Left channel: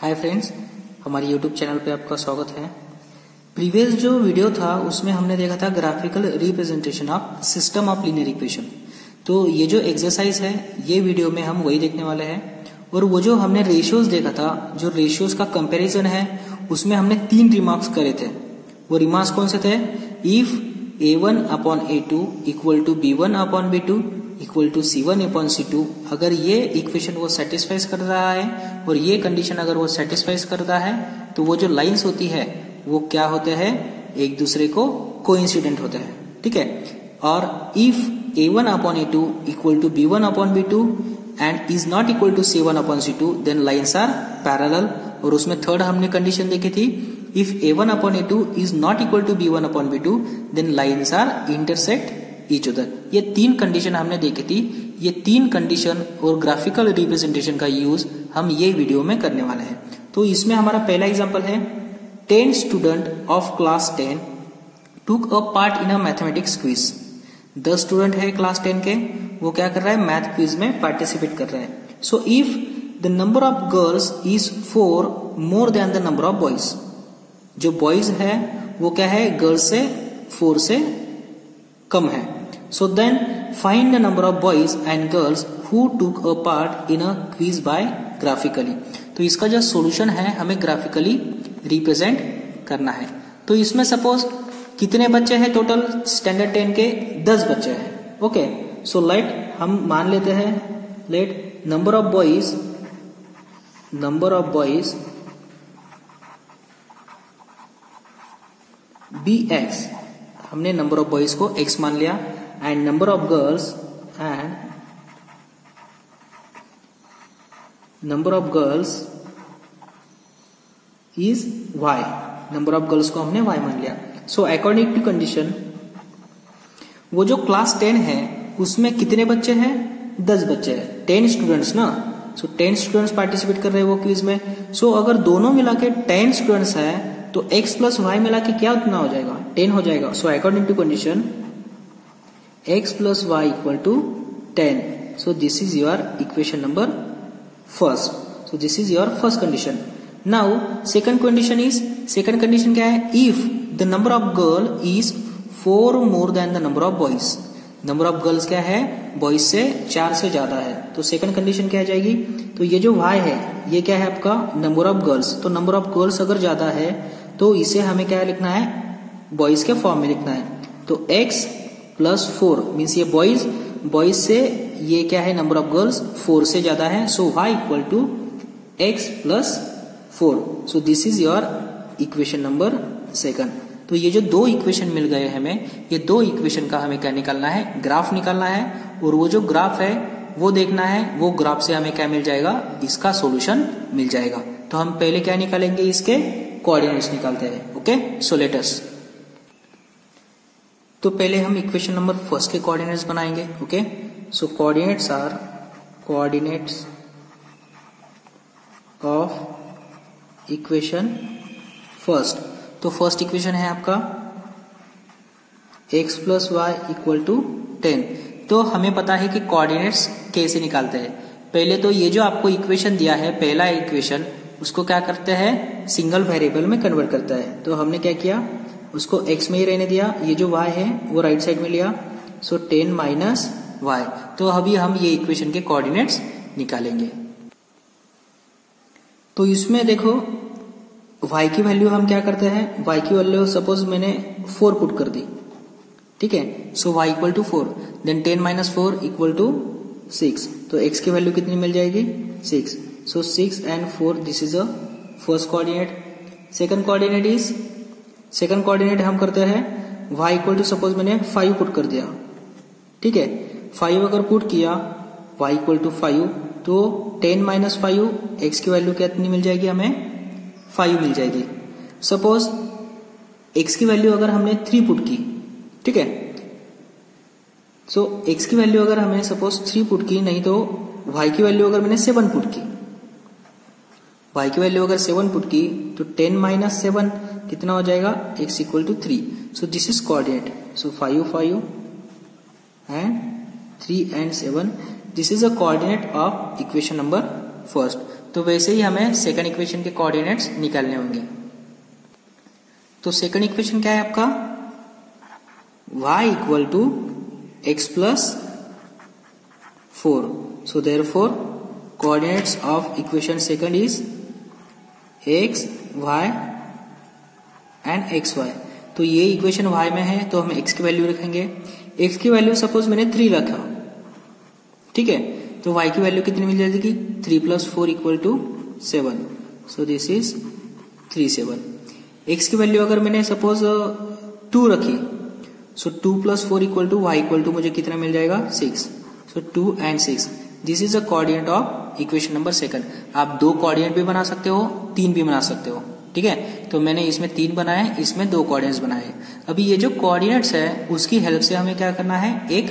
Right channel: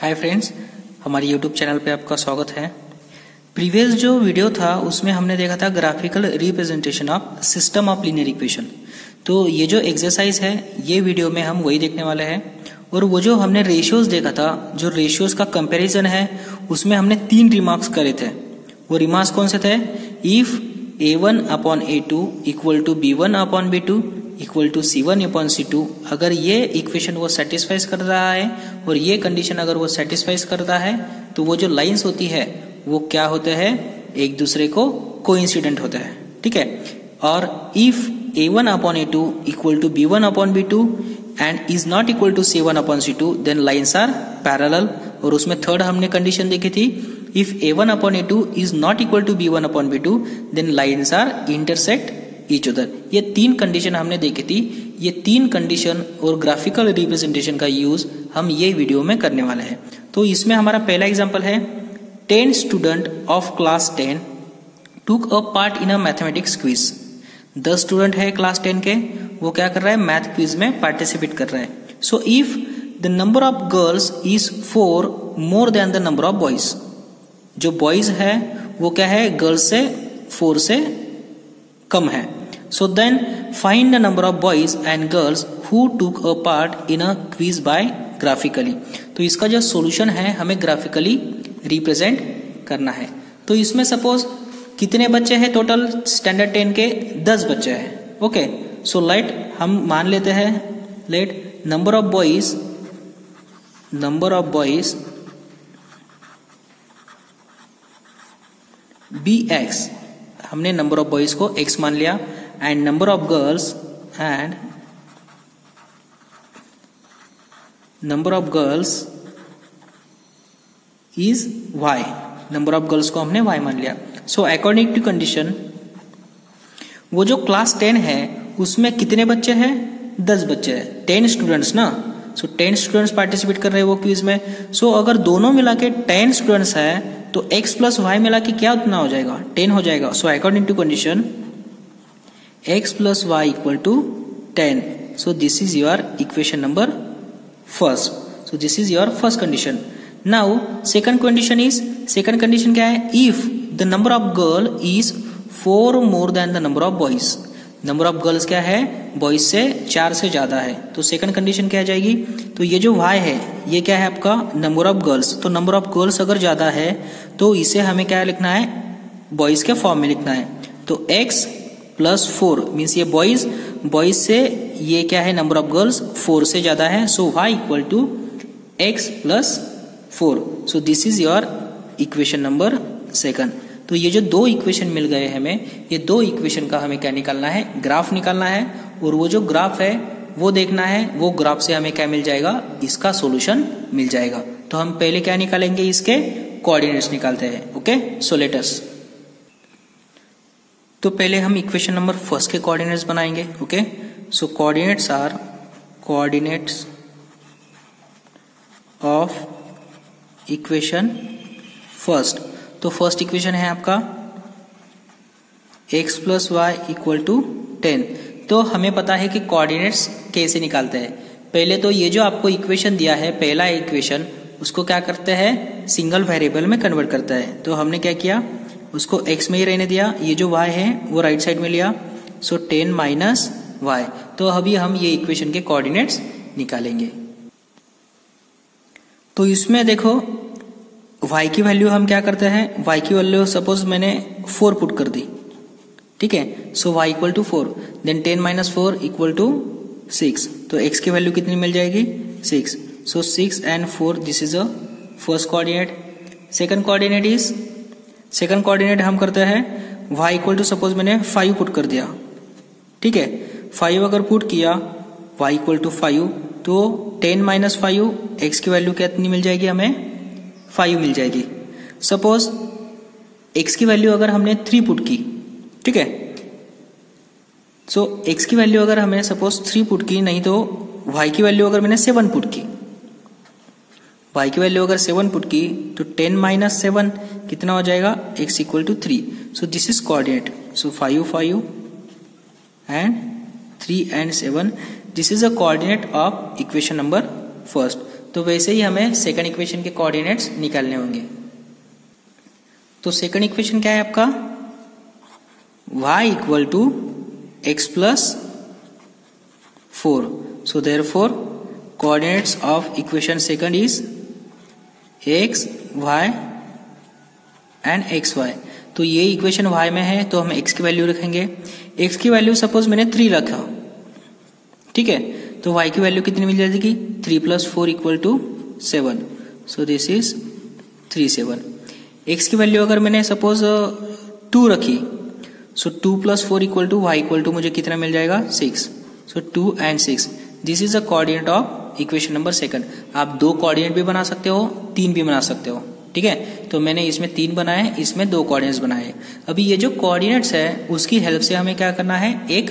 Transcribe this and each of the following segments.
Hi friends, हमारे YouTube channel पे आपका स्वागत है। प्रीवियस जो वीडियो था उसमें हमने देखा था graphical representation of system of linear equation. तो ये जो एक्सरसाइज है ये वीडियो में हम वही देखने वाले हैं। और वो जो हमने रेशियोज देखा था, जो रेशियोज का कंपैरिजन है, उसमें हमने 3 रिमार्क्स करे थे। वो रिमार्क्स कौन से थे? If A1/A2 equal to B1/B2 equal to C1/C2, अगर ये इक्वेशन वो सेटिस्फाइज कर रहा है और ये कंडीशन अगर वो सेटिस्फाइज करता है तो वो जो लाइंस होती है वो क्या होते हैं, एक दूसरे को कोइंसिडेंट होते हैं। ठीक है। और if A1/A2 equal to B1/B2 and is not equal to C1/C2 then lines are parallel. और उसमें थर्ड हमने कंडीशन देखी थी, if A1/A2 is not equal to B1/B2 then lines are intersect each other. ये 3 कंडीशन हमने देखी थी। ये 3 कंडीशन और ग्राफिकल रिप्रेजेंटेशन का यूज हम ये वीडियो में करने वाले हैं। तो इसमें हमारा पहला एग्जांपल है, 10 स्टूडेंट ऑफ क्लास 10 टूक a part in a mathematics quiz. 10 student है क्लास 10 के, वो क्या कर रहा है, मैथ क्विज में पार्टिसिपेट कर रहा है। So if the number of girls is 4 more than the number of boys, जो बॉयज है वो क्या है, गर्ल्स से 4 से कम है। So then find the number of boys and girls who took a part in a quiz by graphically। तो इसका जो सॉल्यूशन है हमें ग्राफिकली रिप्रेजेंट करना है। तो इसमें सपोज कितने बच्चे हैं टोटल स्टैंडर्ड 10 के? 10 बच्चे हैं। ओके, सो लेट हम मान लेते हैं, let number of boys be x. हमने नंबर ऑफ बॉयज को x मान लिया and number of girls is y। Number of girls को हमने y मान लिया। सो अकॉर्डिंग टू कंडीशन वो जो क्लास 10 है उसमें कितने बच्चे हैं? 10 बच्चे हैं। 10 स्टूडेंट्स ना। सो 10 स्टूडेंट्स पार्टिसिपेट कर रहे हैं वो क्विज में। सो अगर दोनों मिला के 10 स्टूडेंट्स है तो x प्लस y मिला के क्या उतना हो जाएगा? 10 हो जाएगा। So according to condition x plus y equal to 10। So this is your equation number first. So this is your first condition. Now second condition क्या है? If the number of girl is 4 more than the number of boys. Number of girls क्या है? Boys से 4 से ज्यादा है। तो second condition क्या आ जाएगी? तो ये जो y है ये क्या है आपका? Number of girls. तो नंबर ऑफ गर्ल्स अगर ज्यादा है तो इसे हमें क्या लिखना है? बॉयज के फॉर्म में लिखना है। तो x प्लस 4 मीन्स ये बॉयज से ये क्या है, नंबर ऑफ गर्ल्स 4 से ज्यादा है। So y equal to x plus 4। So this is your equation number second. तो ये जो 2 इक्वेशन मिल गए हमें, ये 2 इक्वेशन का हमें क्या निकालना है? ग्राफ निकालना है। और वो जो ग्राफ है वो देखना है, वो ग्राफ से हमें क्या मिल जाएगा? इसका सॉल्यूशन मिल जाएगा। तो हम पहले क्या निकालेंगे? इसके कोऑर्डिनेट्स निकालते हैं। Okay, so let us. तो पहले हम इक्वेशन नंबर फर्स्ट के कोऑर्डिनेट्स बनाएंगे। Okay, so coordinates are coordinates of equation first. तो फर्स्ट इक्वेशन है आपका x plus y equal to 10। तो हमें पता है कि कोऑर्डिनेट्स कैसे निकालते हैं। पहले तो ये जो आपको इक्वेशन दिया है, पहला इक्वेशन, उसको क्या करते हैं? सिंगल वेरिएबल में कन्वर्ट करता है। तो हमने क्या किया, उसको x में ही रहने दिया। ये जो y है वो राइट साइड में लिया। सो 10 माइनस y। तो अभी हम ये इक्वेशन के कोऑर्डिनेट्स निकालेंगे। तो इसमें देखो y की वैल्यू हम क्या करते हैं? y की वैल्यू सपोज मैंने 4 पुट कर दी। ठीक है। So y equal to 4, then 10 minus 4 equal to 6। तो x की वैल्यू कितनी मिल जाएगी? 6। So 6 and 4 this is a first coordinate. Second coordinate हम करते हैं y इक्वल टू, सपोज मैंने 5 पुट कर दिया। ठीक है। 5 अगर पुट किया y इक्वल टू 5, तो 10 माइनस 5 x की वैल्यू कितनी मिल जाएगी? हमें 5 मिल जाएगी। सपोज x की वैल्यू अगर हमने 3 पुट की, ठीक है। सो x की वैल्यू अगर हमने सपोज 3 पुट की, नहीं तो y की वैल्यू अगर मैंने 7 पुट की, y की वैल्यू अगर 7 पुट की तो 10 माइनस 7 कितना हो जाएगा? x equal to 3। So this is coordinate. So 5 5 and 3 and 7 this is a coordinate of equation number first. तो वैसे ही हमें सेकंड इक्वेशन के कोऑर्डिनेट्स निकालने होंगे। तो सेकंड इक्वेशन क्या है आपका, y equal to x plus 4। So therefore coordinates of equation second is x, y and xy। तो ये इक्वेशन y में है तो हम x की वैल्यू रखेंगे। x की वैल्यू सपोज मैंने 3 रखा, ठीक है, तो y की वैल्यू कितनी मिल जाएगी, 3 + 4 = 7। सो दिस इज 3, 7। x की वैल्यू अगर मैंने सपोज 2 रखी, सो 2 + 4 = y = मुझे कितना मिल जाएगा, 6। सो 2 and 6, this is the coordinate of equation number second. आप 2 कोऑर्डिनेट भी बना सकते हो, 3 भी बना सकते हो, ठीक है। तो मैंने इसमें 3 बनाए, इसमें 2 कोऑर्डिनेट्स बनाए। अभी ये जो कोऑर्डिनेट्स है उसकी हेल्प से हमें क्या करना है, एक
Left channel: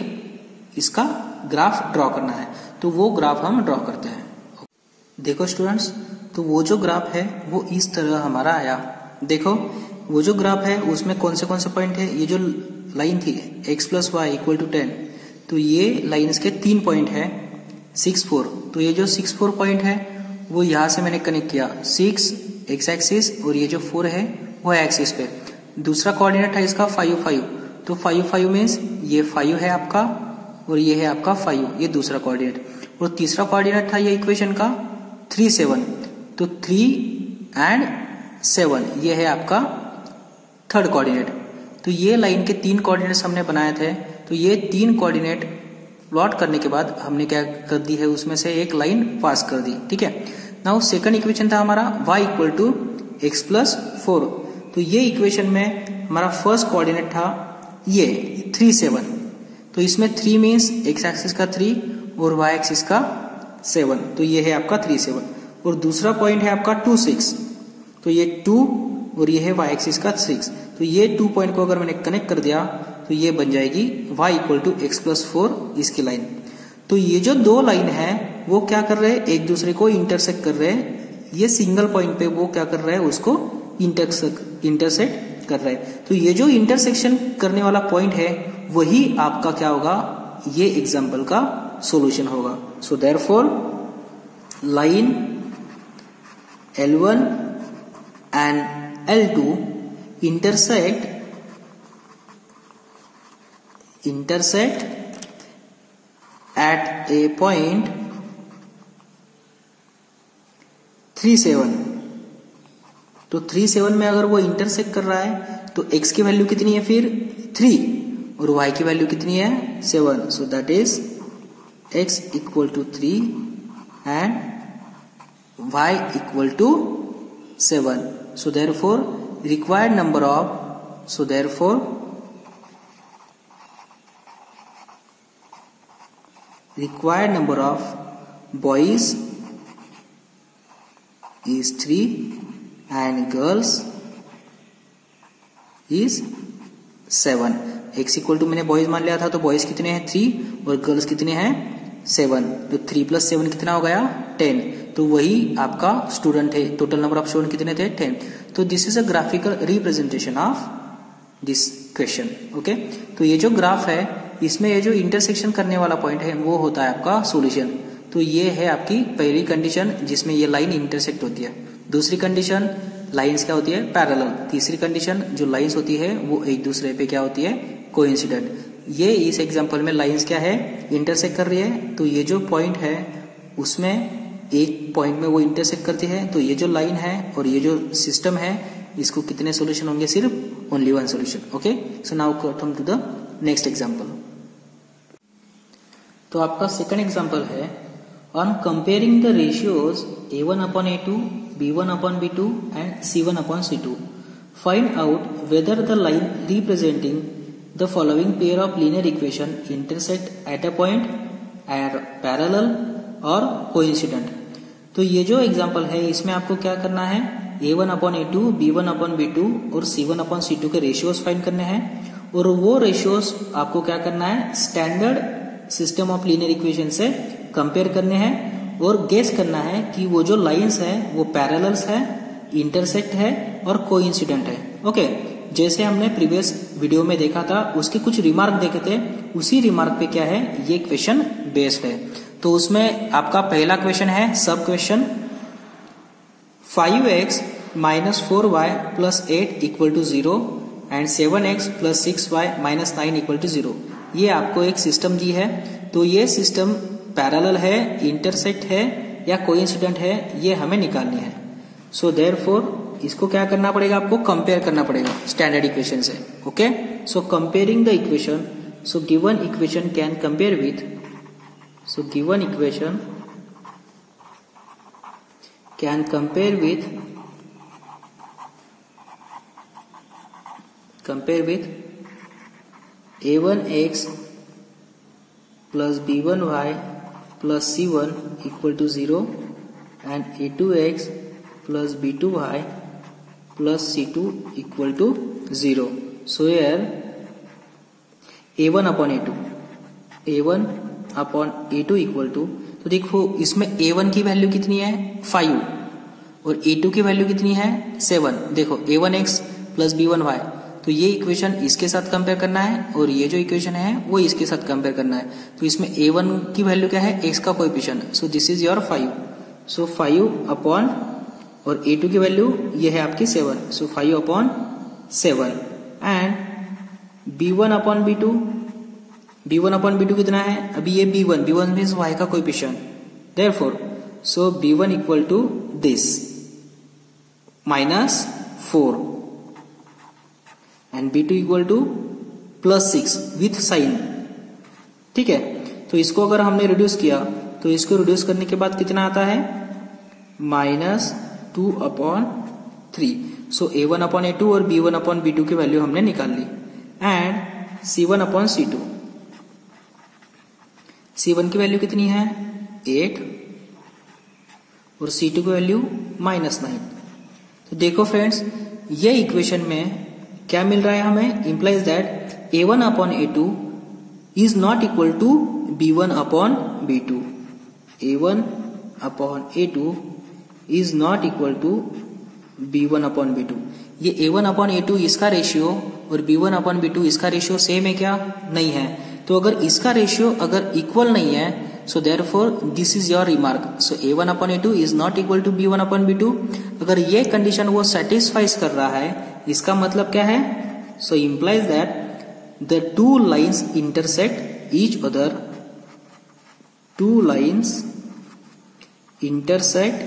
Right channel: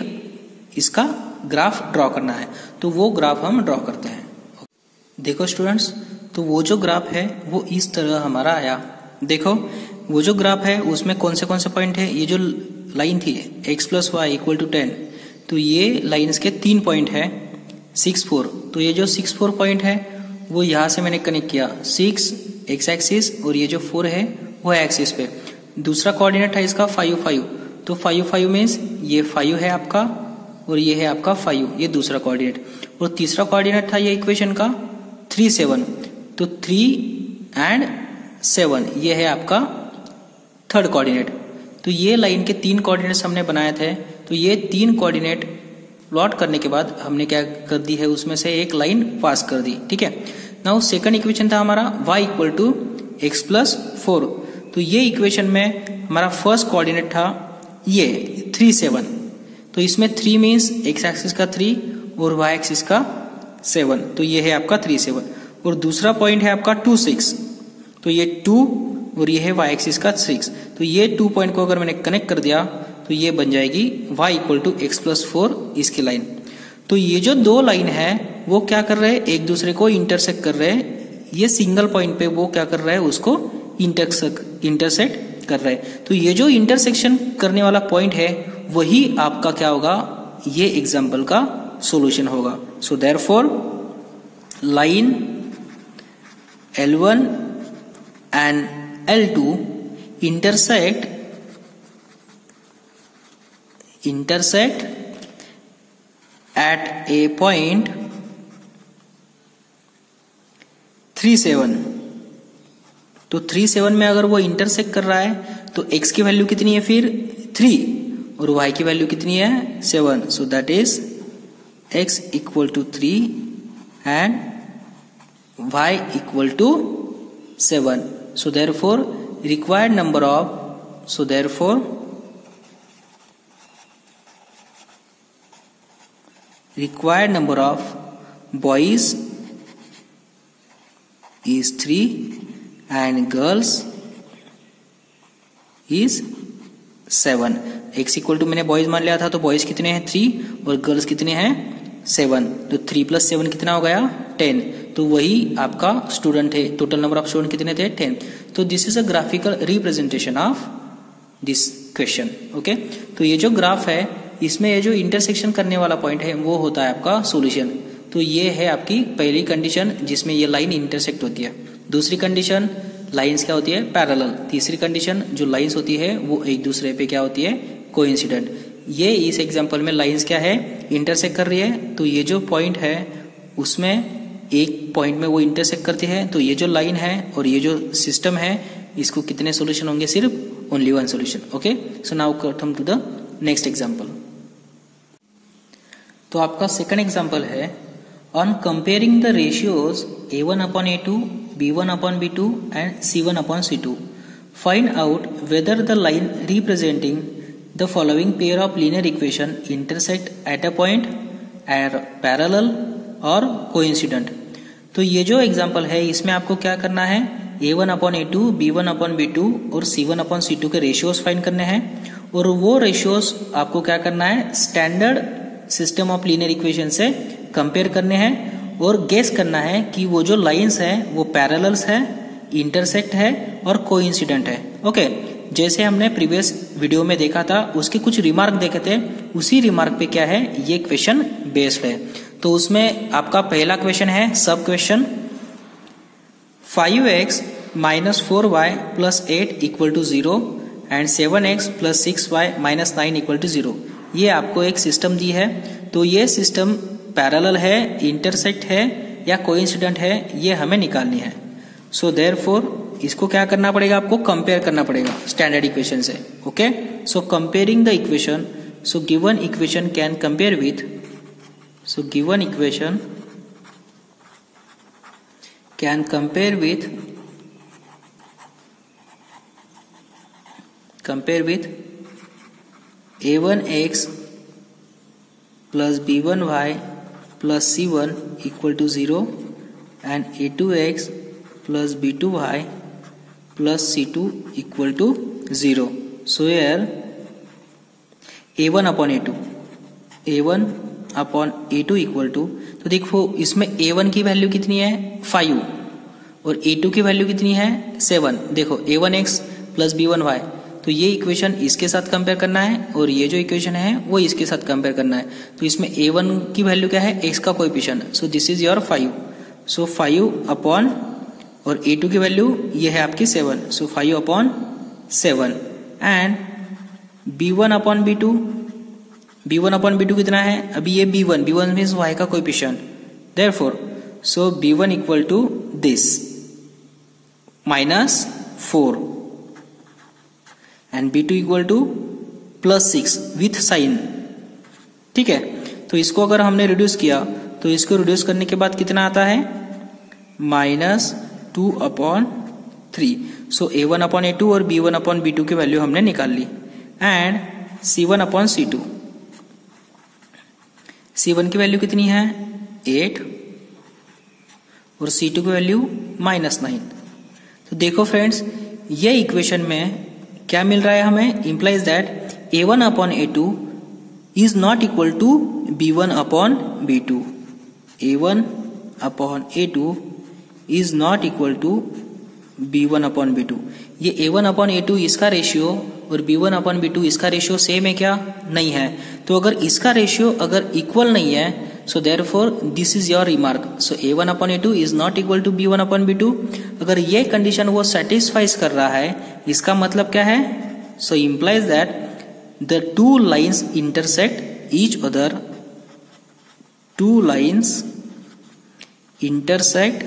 इसका ग्राफ ड्रॉ करना है। तो वो ग्राफ हम ड्रॉ करते हैं। देखो स्टूडेंट्स, तो वो जो ग्राफ है वो इस तरह हमारा आया। देखो वो जो ग्राफ है उसमें कौन से पॉइंट है, ये जो लाइन थी x + y = 10, तो ये लाइन्स के 3 पॉइंट है, 6, 4। तो ये जो 6, 4 पॉइंट है वो यहां से मैंने कनेक्ट किया, 6 x एक्सिस और ये जो 4 है वो एक्सिस पे। दूसरा कोऑर्डिनेट है इसका 5, 5। तो 5, 5 मीन्स ये 5 है आपका और ये है आपका 5, ये दूसरा कोऑर्डिनेट। और तीसरा कोऑर्डिनेट था ये इक्वेशन का 3, 7। तो 3 and 7 ये है आपका थर्ड कोऑर्डिनेट। तो ये लाइन के 3 कोऑर्डिनेट्स हमने बनाए थे। तो ये 3 कोऑर्डिनेट प्लॉट करने के बाद हमने क्या कर दी है, उसमें से एक लाइन पास कर दी, ठीक है। नाउ सेकंड इक्वेशन था हमारा y = x + 4। तो ये इक्वेशन में हमारा फर्स्ट कोऑर्डिनेट था ये 3, 7। तो इसमें 3 मीन्स x एक्सिस का 3 और y एक्सिस का 7। तो ये है आपका 3, 7। और दूसरा पॉइंट है आपका 2, 6। तो ये 2 और ये है y एक्सिस का 6। तो ये 2 पॉइंट को अगर मैंने कनेक्ट कर दिया तो ये बन जाएगी y = x + 4 इसकी लाइन। तो ये जो 2 लाइन है वो क्या कर रहे हैं, एक दूसरे को इंटरसेक्ट कर रहे हैं। ये सिंगल पॉइंट पे वो क्या कर रहा है, उसको इंटरसेक्ट कर रहे हैं। तो ये जो इंटरसेक्शन करने वाला पॉइंट है वही आपका क्या होगा, ये एग्जाम्पल का सॉल्यूशन होगा। So therefore line L1 and L2 intersect at a point 3, 7। तो 3, 7 में अगर वो इंटरसेक्ट कर रहा है तो x की वैल्यू कितनी है फिर 3 और y की वैल्यू कितनी है 7। So that is x = 3 and y = 7। So therefore required number of boys is 3 and girls is 7। x = मैंने बॉयज मान लिया था, तो बॉयज कितने हैं 3 और गर्ल्स कितने हैं 7। तो 3 + 7 कितना हो गया 10। तो वही आपका स्टूडेंट है। टोटल नंबर ऑफ स्टूडेंट कितने थे 10। तो this is a graphical representation of this question. Okay, तो ये जो ग्राफ है इसमें ये जो इंटरसेक्शन करने वाला पॉइंट है वो होता है आपका सॉल्यूशन। तो ये है आपकी पहली कंडीशन जिसमें ये लाइन इंटरसेक्ट होती है। दूसरी कंडीशन लाइंस क्या होती है पैरेलल। तीसरी कंडीशन जो लाइंस होती है वो एक दूसरे पे क्या होती है कोइंसिडेंट। ये इस एग्जांपल में लाइंस क्या है इंटरसेक्ट कर रही है। तो ये जो पॉइंट है उसमें एक पॉइंट में वो इंटरसेक्ट करती है। तो ये जो लाइन है और ये जो सिस्टम है इसको कितने सॉल्यूशन होंगे, सिर्फ only 1 solution. Okay, so now come to the next example. तो आपका सेकंड एग्जांपल है on comparing the ratios A1/A2, B1/B2 and C1/C2 find out whether the line representing the following pair of linear equation intersect at a point or parallel और coincident. तो ये जो example है इसमें आपको क्या करना है A1/A2, B1/B2 और C1/C2 के रेशियोज फाइंड करने हैं। और वो रेशियोज आपको क्या करना है standard system of linear equation से कंपेयर करने हैं और गेस करना है कि वो जो लाइंस है वो पैरेलल्स है, इंटरसेक्ट है और कोइंसिडेंट है। ओके, जैसे हमने प्रीवियस वीडियो में देखा था उसके कुछ रिमार्क देखे थे, उसी रिमार्क पे क्या है ये क्वेश्चन बेस्ड है। तो उसमें आपका पहला क्वेश्चन है sub question 5x minus 4y plus 8 equal to 0 and 7x plus 6y minus 9 equal to 0। ये आपको एक सिस्टम दी है, तो ये सिस्टम पैरेलल है, इंटरसेक्ट है या कोइंसिडेंट है, ये हमें निकालनी है। सो देयरफॉर इसको क्या करना पड़ेगा, आपको कंपेयर करना पड़ेगा स्टैंडर्ड इक्वेशन से। Okay, so comparing the equation, so given equation can compare with, so given equation can compare with a1x plus b1y plus c1 equal to 0 and a2x plus b2y plus c2 equal to 0. So here a1 upon a2 equal to, तो देखो इसमें a1 की value कितनी है 5 और a2 की value कितनी है 7। देखो a1x प्लस b1y, तो ये इक्वेशन इसके साथ कंपेयर करना है और ये जो इक्वेशन है वो इसके साथ कंपेयर करना है। तो इसमें a1 की वैल्यू क्या है, x का coefficient, so this is your 5। So 5 upon, और a2 की वैल्यू ये है आपकी 7, सो 5 upon 7 and b1 upon b2 कितना है, अभी ये b1 मीन्स y का coefficient, therefore so b1 equal to this minus 4 and b2 equal to plus 6 with sign. ठीक है, तो इसको अगर हमने रिड्यूस किया तो इसको रिड्यूस करने के बाद कितना आता है माइनस 2 अपॉन 3। सो a1 अपॉन a2 और b1 अपॉन b2 की वैल्यू हमने निकाल ली and c1 upon c2, c1 की वैल्यू कितनी है 8 और c2 की वैल्यू माइनस 9। तो देखो फ्रेंड्स, ये इक्वेशन में क्या मिल रहा है हमें, implies that a1 upon a2 is not equal to b1 upon b2। a1 upon a2 is not equal to b1 upon b2। ये a1 अपॉन a2 इसका रेशियो और b1 अपॉन b2 इसका रेशियो सेम है क्या, नहीं है। तो अगर इसका रेशियो अगर इक्वल नहीं है, so therefore this is your remark, so a1 upon a2 is not equal to b1 upon b2। अगर ये कंडीशन वो सेटिस्फाइज कर रहा है, इसका मतलब क्या है, so implies that the two lines intersect each other, two lines intersect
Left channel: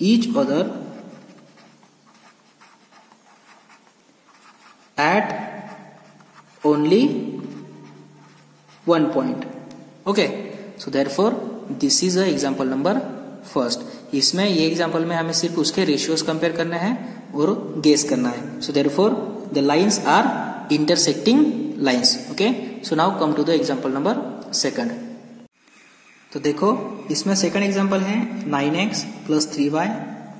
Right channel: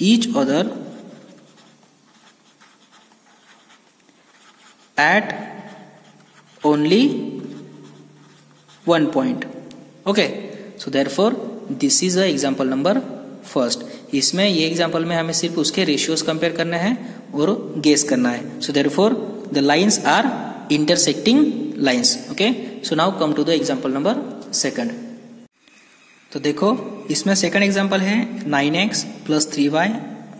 each other at only one point. Okay, so therefore this is a example number first. इसमें ये एग्जाम्पल में हमें सिर्फ उसके रेशियोज कंपेयर करना है और गेस करना है। सो therefore the lines are intersecting lines. Okay, so now come to the example number second. तो देखो इसमें सेकंड एग्जाम्पल है 9x plus 3y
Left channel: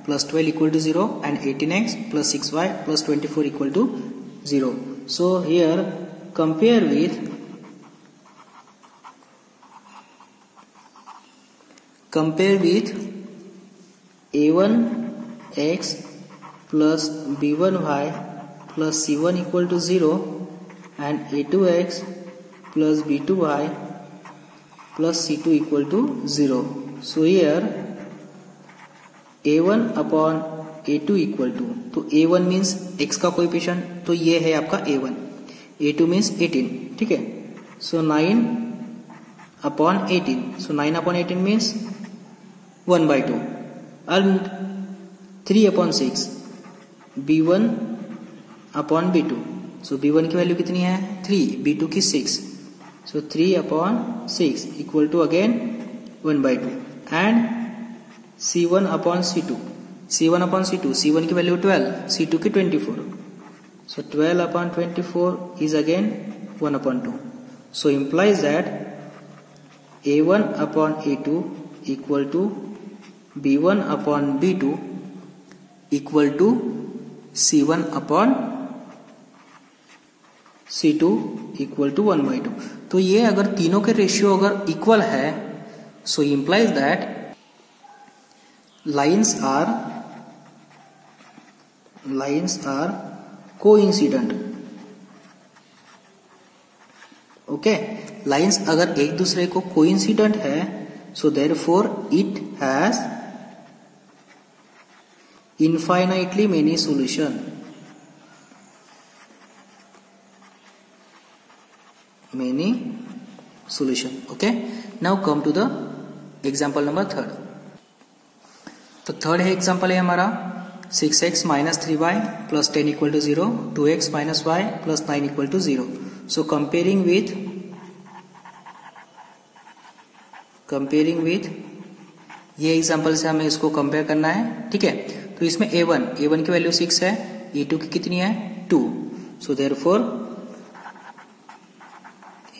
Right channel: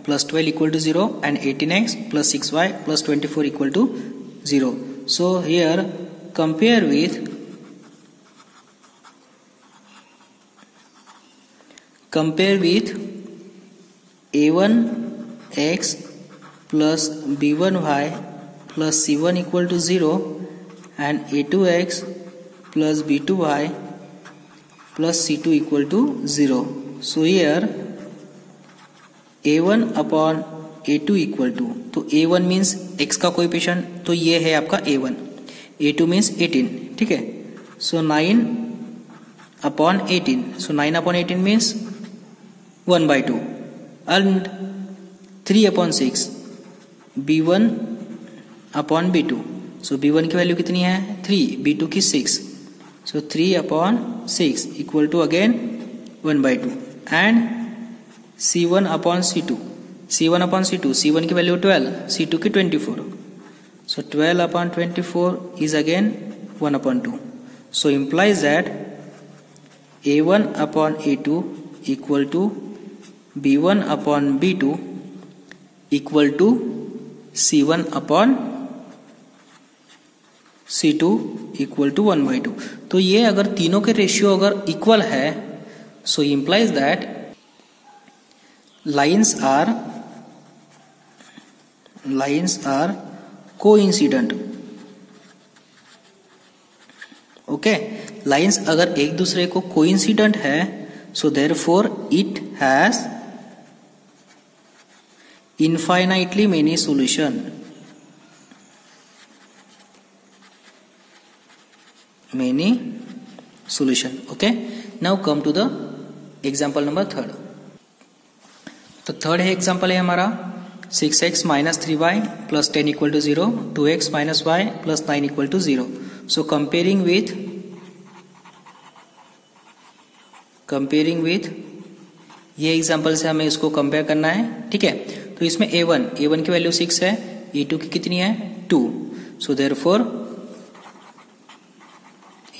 plus 12 equal to 0 and 18x plus 6y plus 24 equal to 0. So here compare with a1x plus b1y plus c1 equal to 0 and a2x plus b2y plus c2 equal to 0. So here a1 upon a2 equal to, तो a1 means x का coefficient, तो ये है आपका a1, a2 means 18। ठीक है, so 9 upon 18, so 9 upon 18 means 1/2 and 3 upon 6 b1 upon b2, so b1 की value कितनी है 3, b2 की 6, so 3 upon 6 equal to again 1/2 and c1 upon c2, c1 upon c2, c1 की वैल्यू 12, c2 की 24, so 12 upon 24 is again 1 upon 2। So implies that a1 upon a2 equal to b1 upon b2 equal to c1 upon c2 equal to 1/2। तो ये अगर तीनों के ratio अगर equal है, so implies that lines are coincident okay, lines अगर एक दूसरे को कोइंसिडेंट है, so therefore it has infinitely many solution. Okay, now come to the example number 3. तो थर्ड है एग्जाम्पल है हमारा 6x minus 3y plus 10 equal to 0, 2x minus y plus 9 equal to 0. So comparing with ये example से हमें इसको compare करना है, ठीक है। तो इसमें a1 की वैल्यू 6 है, a2 की कितनी है 2, so therefore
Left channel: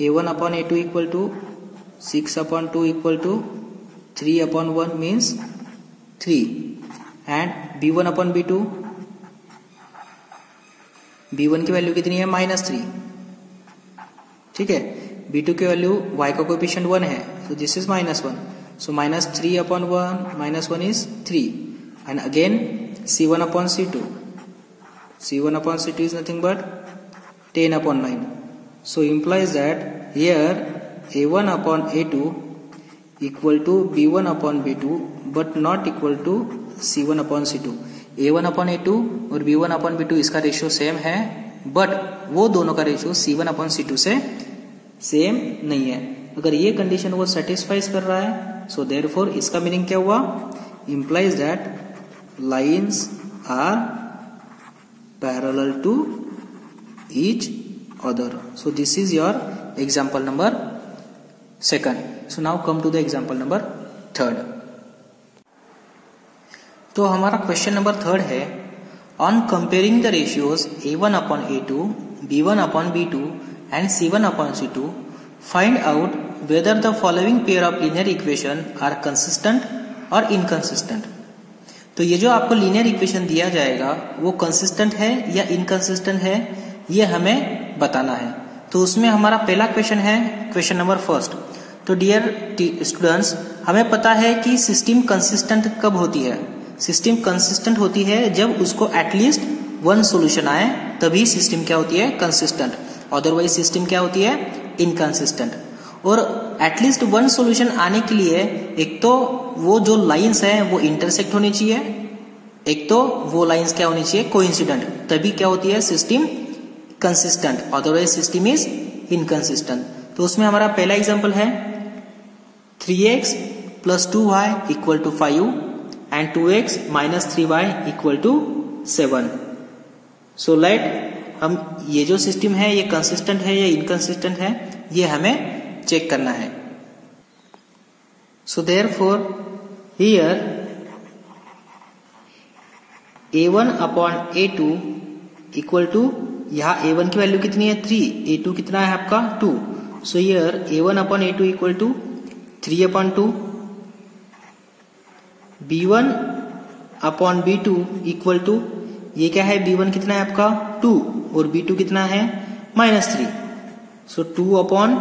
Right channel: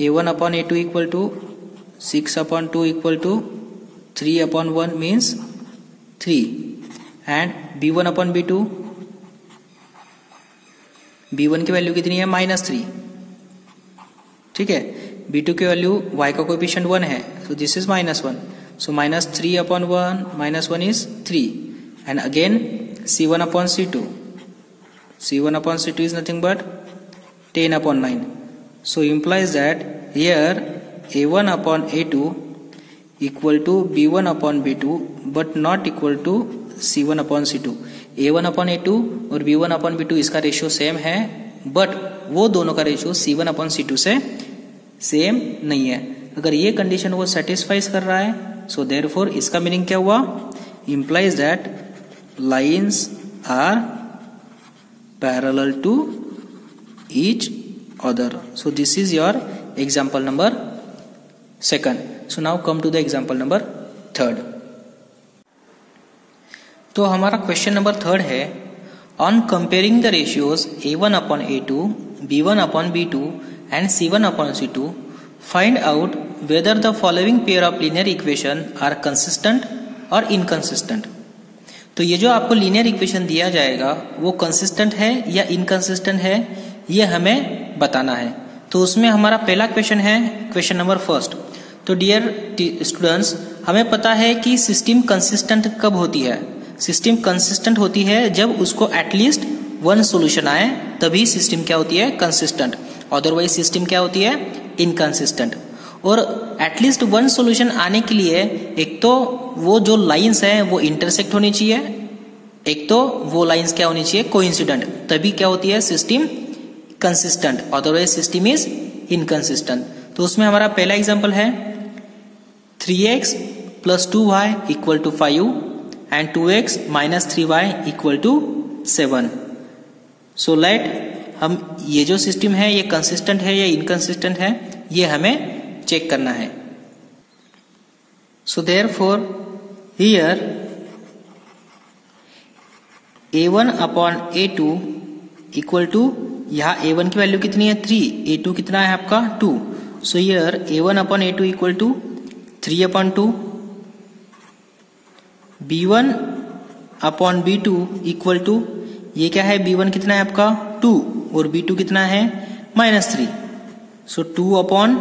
a1 upon a2 equal to 6 upon 2 equal to 3 upon 1 means 3, and b1 upon b2 की वैल्यू कितनी है -3, ठीक है। b2 की वैल्यू y का कोएफिशिएंट 1 है, सो this is -1, so -3 upon 1 is 3, and again c1 upon c2 is nothing but 10 upon 9, so implies that here a1 upon a2 equal to b1 upon b2 but not equal to c1 upon c2. a1 upon a2 और b1 upon b2 इसका ratio same है, but वो दोनों का ratio c1 upon c2 से same नहीं है। अगर ये कंडीशन वो सेटिस्फाइज कर रहा है, सो देयरफॉर इसका मीनिंग क्या हुआ, implies that lines are parallel to each other. So this is your example number 2. So now come to the example number 3. तो हमारा क्वेश्चन नंबर 3 है, on comparing the ratios a1 upon a2, b1 upon b2 and c1 upon c2, find out whether the following pair of linear equation are consistent or inconsistent. तो ये जो आपको linear equation दिया जाएगा वो consistent है या इनकंसिस्टेंट है, ये हमें बताना है। तो उसमें हमारा पहला क्वेश्चन है क्वेश्चन नंबर 1. तो डियर स्टूडेंट्स, हमें पता है कि सिस्टम कंसिस्टेंट कब होती है। सिस्टम कंसिस्टेंट होती है जब उसको एटलीस्ट 1 सोल्यूशन आए, तभी सिस्टम क्या होती है, कंसिस्टेंट। अदरवाइज सिस्टम क्या होती है, इनकंसिस्टेंट। और एटलीस्ट 1 सॉल्यूशन आने के लिए एक तो वो जो लाइंस हैं वो इंटरसेक्ट होनी चाहिए, एक तो वो लाइंस क्या होनी चाहिए, कोइंसिडेंट, तभी क्या होती है, system consistent. Otherwise system is inconsistent. तो उसमें हमारा पहला एग्जांपल है 3x plus 2y equal to 5 and 2x minus 3y equal to 7. So let हम ये जो सिस्टम है ये कंसिस्टेंट है या इनकंसिस्टेंट है, ये हमें चेक करना है। So therefore here a1 upon a2 equal to, यहाँ a1 की वैल्यू कितनी है 3, a2 कितना है आपका 2, so here a1 upon a2 equal to 3 upon 2, b1 upon b2 equal to, ये क्या है, b1 कितना है आपका 2 और b2 कितना है -3, सो 2 अपॉन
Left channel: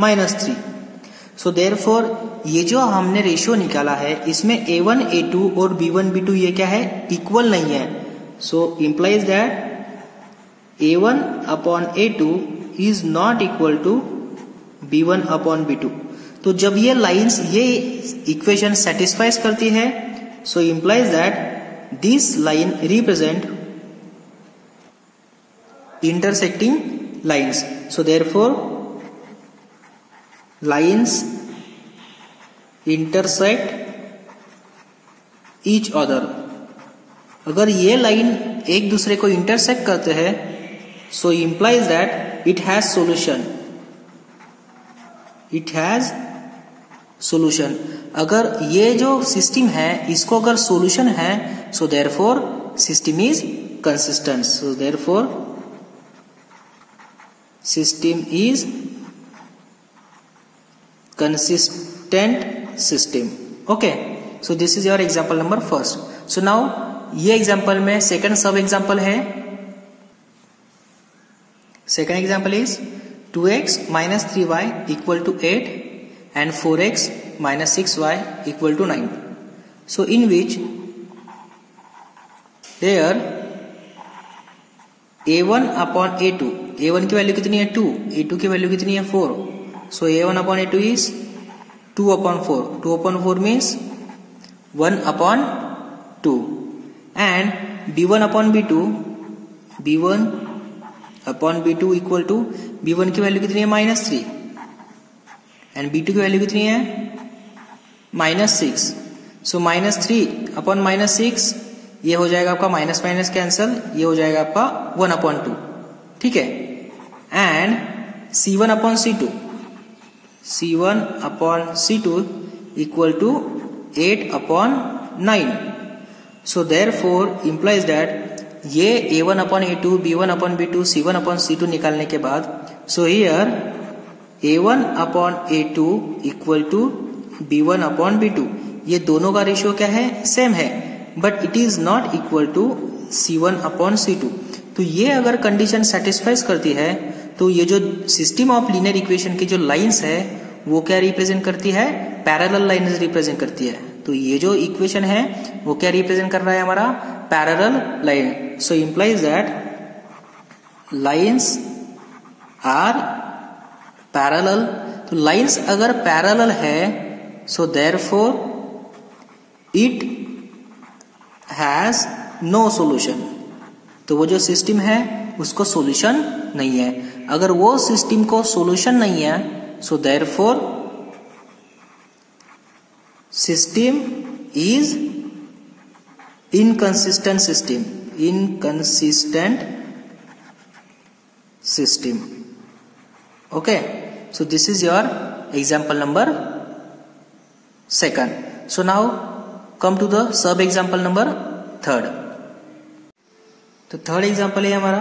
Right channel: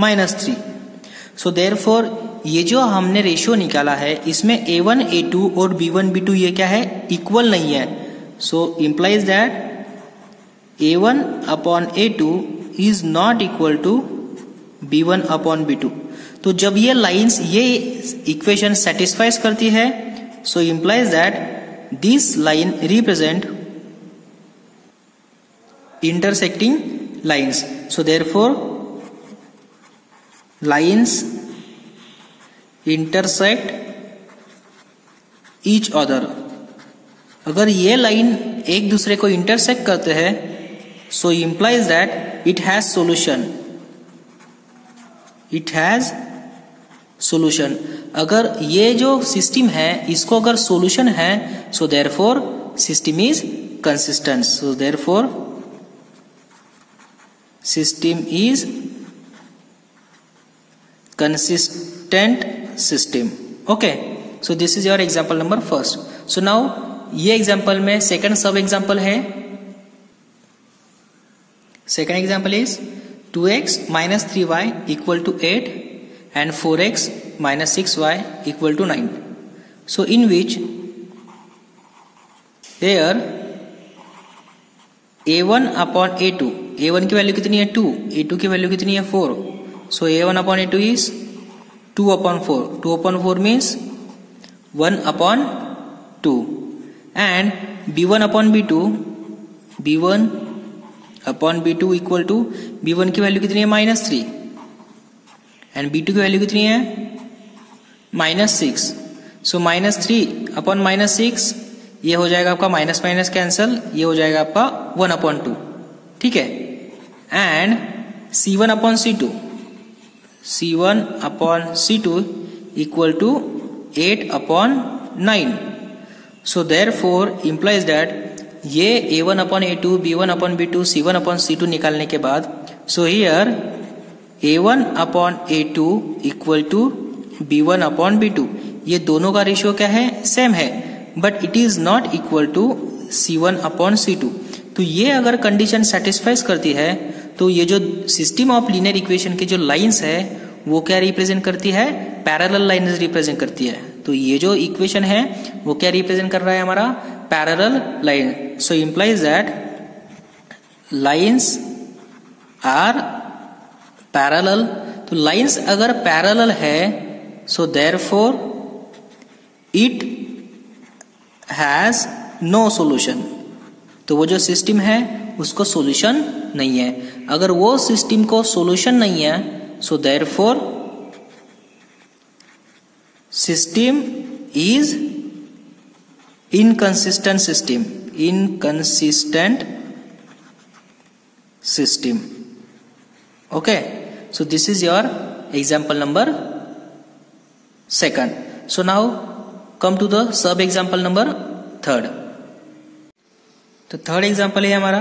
-3. सो देयरफॉर ये जो हमने रेशियो निकाला है इसमें a1 a2 और b1 b2 ये क्या है, इक्वल नहीं है। So implies that a1 upon a2 is not equal to b1 upon b2. तो जब ये लाइंस ये इक्वेशन सेटिस्फाइज करती है, so implies that this line represent intersecting lines. So therefore lines intersect each other. अगर ये लाइन एक दूसरे को इंटरसेक्ट करते हैं, so implies that it has solution. It has solution. अगर ये जो सिस्टम है इसको अगर सॉल्यूशन है, so therefore system is consistent. So therefore system is consistent system. Okay, so this is your example number 1. So now ये example में second सब एग्जाम्पल है. Second example is 2x minus 3y equal to 8 and 4x minus 6y equal to 9. So in which here a1 upon a2 a1 की value कितनी है 2, a2 की value कितनी है 4, so a1 upon a2 is 2 upon 4, 2 upon 4 means 1 upon 2 and b1 upon b2, b1 upon b2 equal to b1 की value कितनी है -3 and b2 की वैल्यू कितनी है -6, सो -3 अपॉन -6 ये हो जाएगा आपका माइनस माइनस कैंसल, ये हो जाएगा आपका 1 अपॉन 2, ठीक है। And c1 upon c2, c1 upon c2 equal to 8 upon 9, so therefore implies that ये a1 upon a2, b1 upon b2, c1 upon c2 निकालने के बाद, so here a1 upon a2 equal to b1 upon b2, ये दोनों का ratio क्या है, same है, but it is not equal to c1 upon c2। तो ये अगर कंडीशन सेटिस्फाइज करती है तो ये जो सिस्टम ऑफ लीनियर इक्वेशन की जो लाइंस है वो क्या रिप्रेजेंट करती है, पैरेलल लाइंस रिप्रेजेंट करती है। तो ये जो इक्वेशन है वो क्या रिप्रेजेंट कर रहा है, हमारा parallel line. So implies that lines are parallel. तो लाइंस अगर पैरेलल है so therefore it has no solution. तो वो जो सिस्टम है उसको सॉल्यूशन नहीं है। अगर वो सिस्टम को सॉल्यूशन नहीं है so therefore system is inconsistent system, inconsistent system. Okay, so this is your example number 2. So now come to the sub example number 3. तो थर्ड एग्जाम्पल है हमारा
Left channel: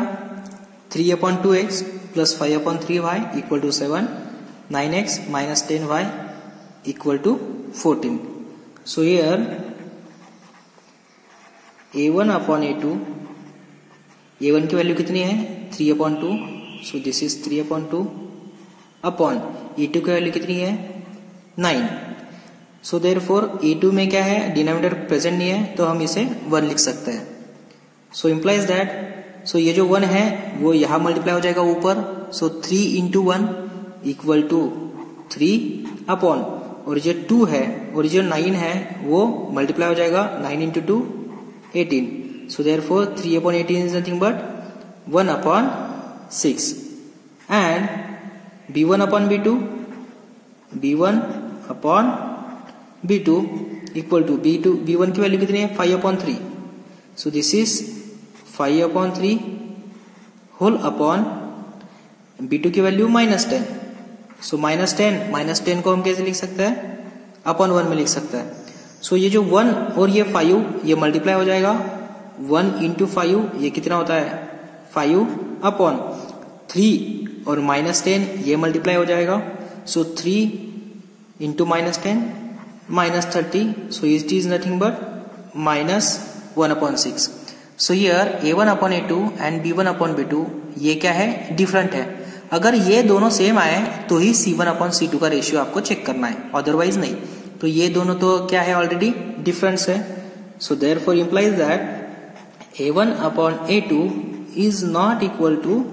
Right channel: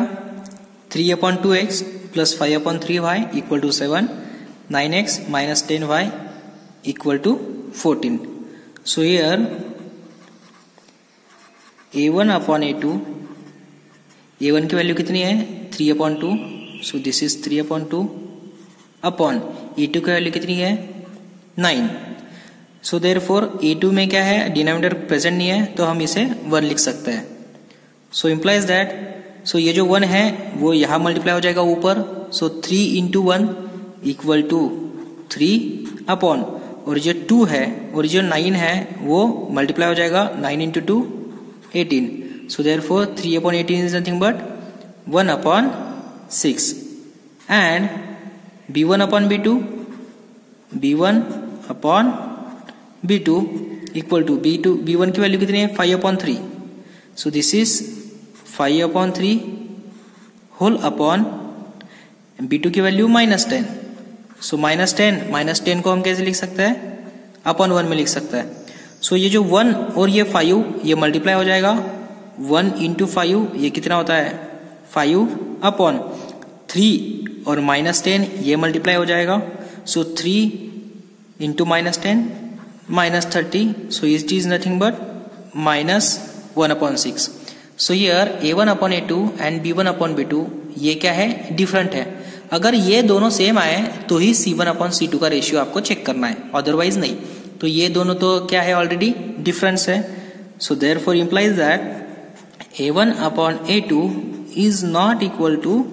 3/2x plus 5/3y equal to 7, 9x minus 10y equal to 14. So here a1 upon a2, a1 की value कितनी है 3/2, सो this is 3/2 upon a2 की value कितनी है 9. So therefore a2 में क्या है, डिनोमिनेटर प्रेजेंट नहीं है तो हम इसे 1 लिख सकते हैं. सो इम्प्लाइज दैट, सो ये जो 1 है वो यहां मल्टीप्लाई हो जाएगा ऊपर, सो 3 इंटू 1 इक्वल टू 3 अपॉन, और जो 2 है और जो 9 है वो मल्टीप्लाई हो जाएगा 9 into 2 18. So therefore 3/18 is nothing but 1/6 and b1 upon b2, b1 upon b2 equal to b1 की वैल्यू कितनी है 5/3. So this is 5/3 whole upon b2 की वैल्यू -10. सो -10 को हम कैसे लिख सकते हैं, अपॉन 1 में लिख सकते हैं. सो ये जो 1 और ये 5 ये मल्टीप्लाई हो जाएगा, 1 इंटू 5 ये कितना होता है 5 अपॉन 3 और -10 ये मल्टीप्लाई हो जाएगा, सो 3 into -10 -30. So it is nothing but -1/6. So here a1 upon a2 and b1 upon b2 ये क्या है, डिफरेंट है. अगर ये दोनों सेम आए तो ही c1 अपॉन c2 का रेशियो आपको चेक करना है, अदरवाइज नहीं. तो ये दोनों तो क्या है, ऑलरेडी डिफरेंस है. So therefore implies that a1 upon a2 is not equal to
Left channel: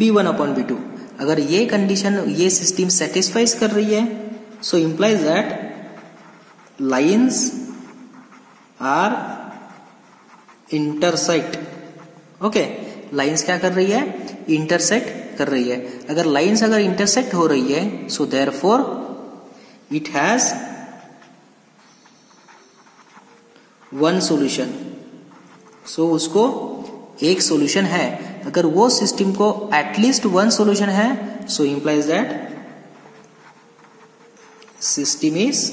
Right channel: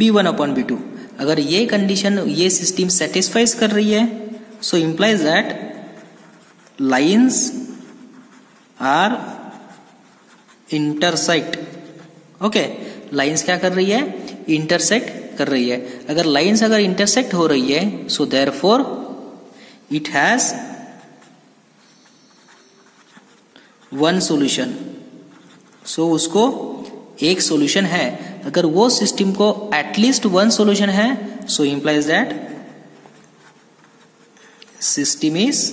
b1 upon b2. अगर ये कंडीशन ये सिस्टम सेटिस्फाइज कर रही है so implies that lines are intersect. Okay, lines क्या कर रही है, इंटरसेक्ट कर रही है. अगर लाइन्स अगर इंटरसेक्ट हो रही है so therefore it has one solution. So उसको एक सॉल्यूशन है. अगर वो सिस्टम को एटलीस्ट 1 सॉल्यूशन है so implies that system is